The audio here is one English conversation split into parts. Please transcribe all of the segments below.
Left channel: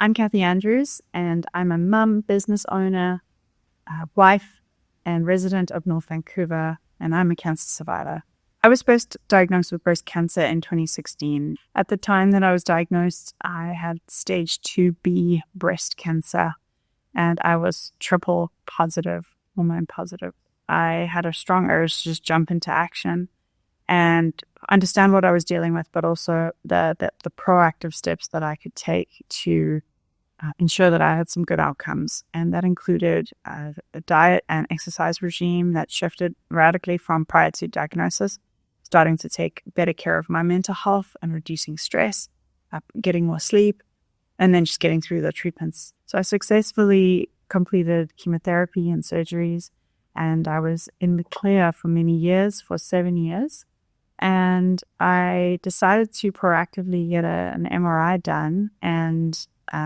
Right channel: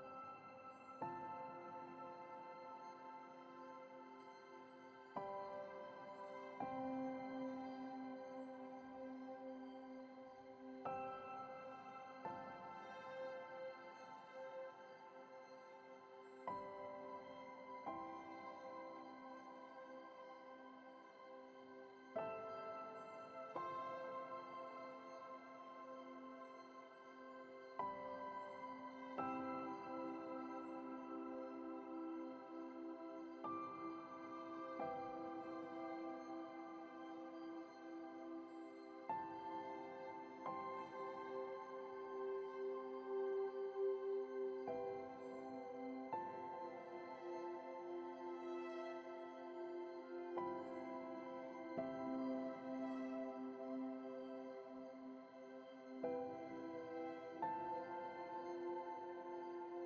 I'm Kathy Andrews, and I'm a mum, business owner, wife, and resident of North Vancouver, and I'm a cancer survivor. I was first diagnosed with breast cancer in 2016. At the time that I was diagnosed, I had stage 2B breast cancer, and I was triple positive, hormone positive. I had a strong urge to just jump into action and understand what I was dealing with, but also the proactive steps that I could take to ensure that I had some good outcomes. And that included a diet and exercise regime that shifted radically from prior to diagnosis, starting to take better care of my mental health and reducing stress, getting more sleep, and then just getting through the treatments. So I successfully completed chemotherapy and surgeries, and I was in the clear for many years, for 7 years. And I decided to proactively get an MRI done and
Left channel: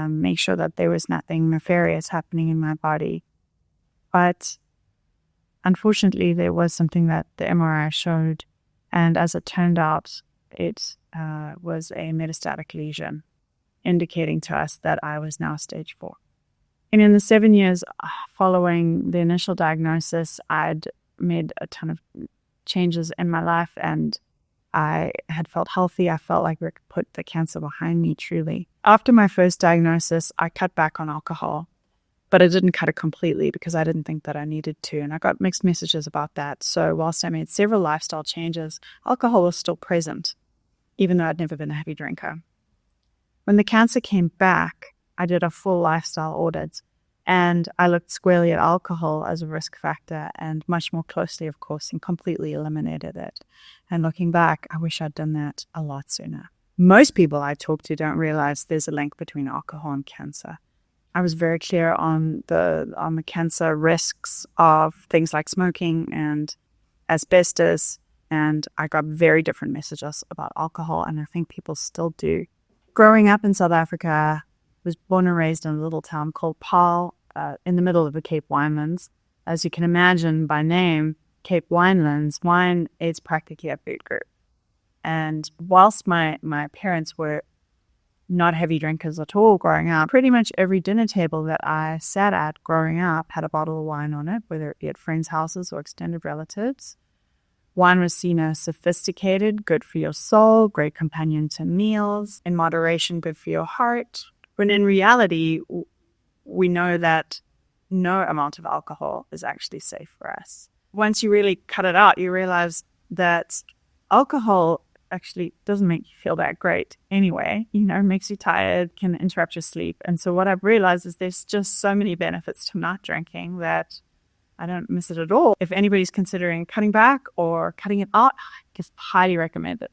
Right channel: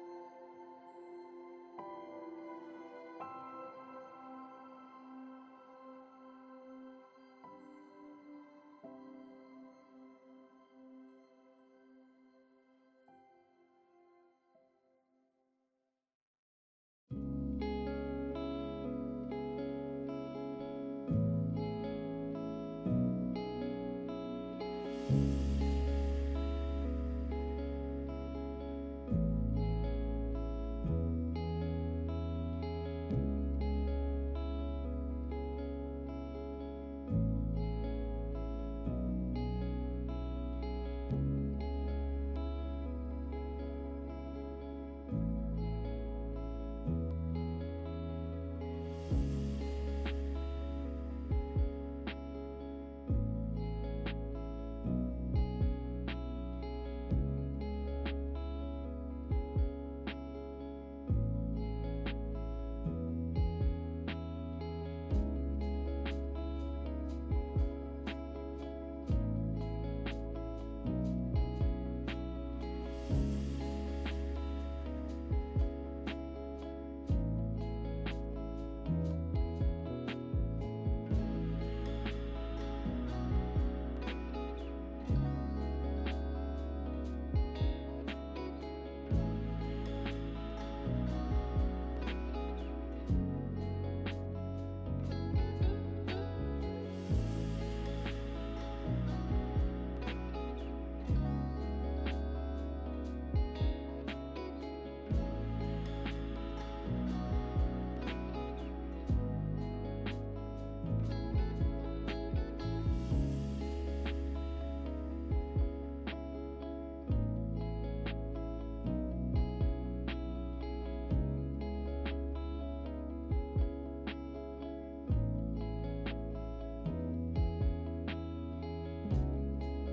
make sure that there was nothing nefarious happening in my body. But unfortunately, there was something that the MRI showed. And as it turned out, it was a metastatic lesion, indicating to us that I was now stage 4. And in the 7 years following the initial diagnosis, I'd made a ton of changes in my life, and I had felt healthy. I felt like we could put the cancer behind me, truly. After my first diagnosis, I cut back on alcohol, but I didn't cut it completely because I didn't think that I needed to, and I got mixed messages about that. So whilst I made several lifestyle changes, alcohol was still present, even though I'd never been a heavy drinker. When the cancer came back, I did a full lifestyle audit, and I looked squarely at alcohol as a risk factor and much more closely, of course, and completely eliminated it. And looking back, I wish I'd done that a lot sooner. Most people I talk to don't realize there's a link between alcohol and cancer. I was very clear on the cancer risks of things like smoking and asbestos, and I got very different messages about alcohol, and I think people still do. Growing up in South Africa, was born and raised in a little town called Paarl, in the middle of the Cape Winelands. As you can imagine by name, Cape Winelands, wine is practically a food group. And whilst my parents were not heavy drinkers at all growing up, pretty much every dinner table that I sat at growing up had a bottle of wine on it, whether it be at friends' houses or extended relatives. Wine was seen as sophisticated, good for your soul, great companion to meals, in moderation, good for your heart. When in reality, we know that no amount of alcohol is actually safe for us. Once you really cut it out, you realize that alcohol actually doesn't make you feel that great anyway. Makes you tired, can interrupt your sleep. And so what I've realized is there's just so many benefits to not drinking that I don't miss it at all. If anybody's considering cutting back or cutting it out, I just highly recommend it.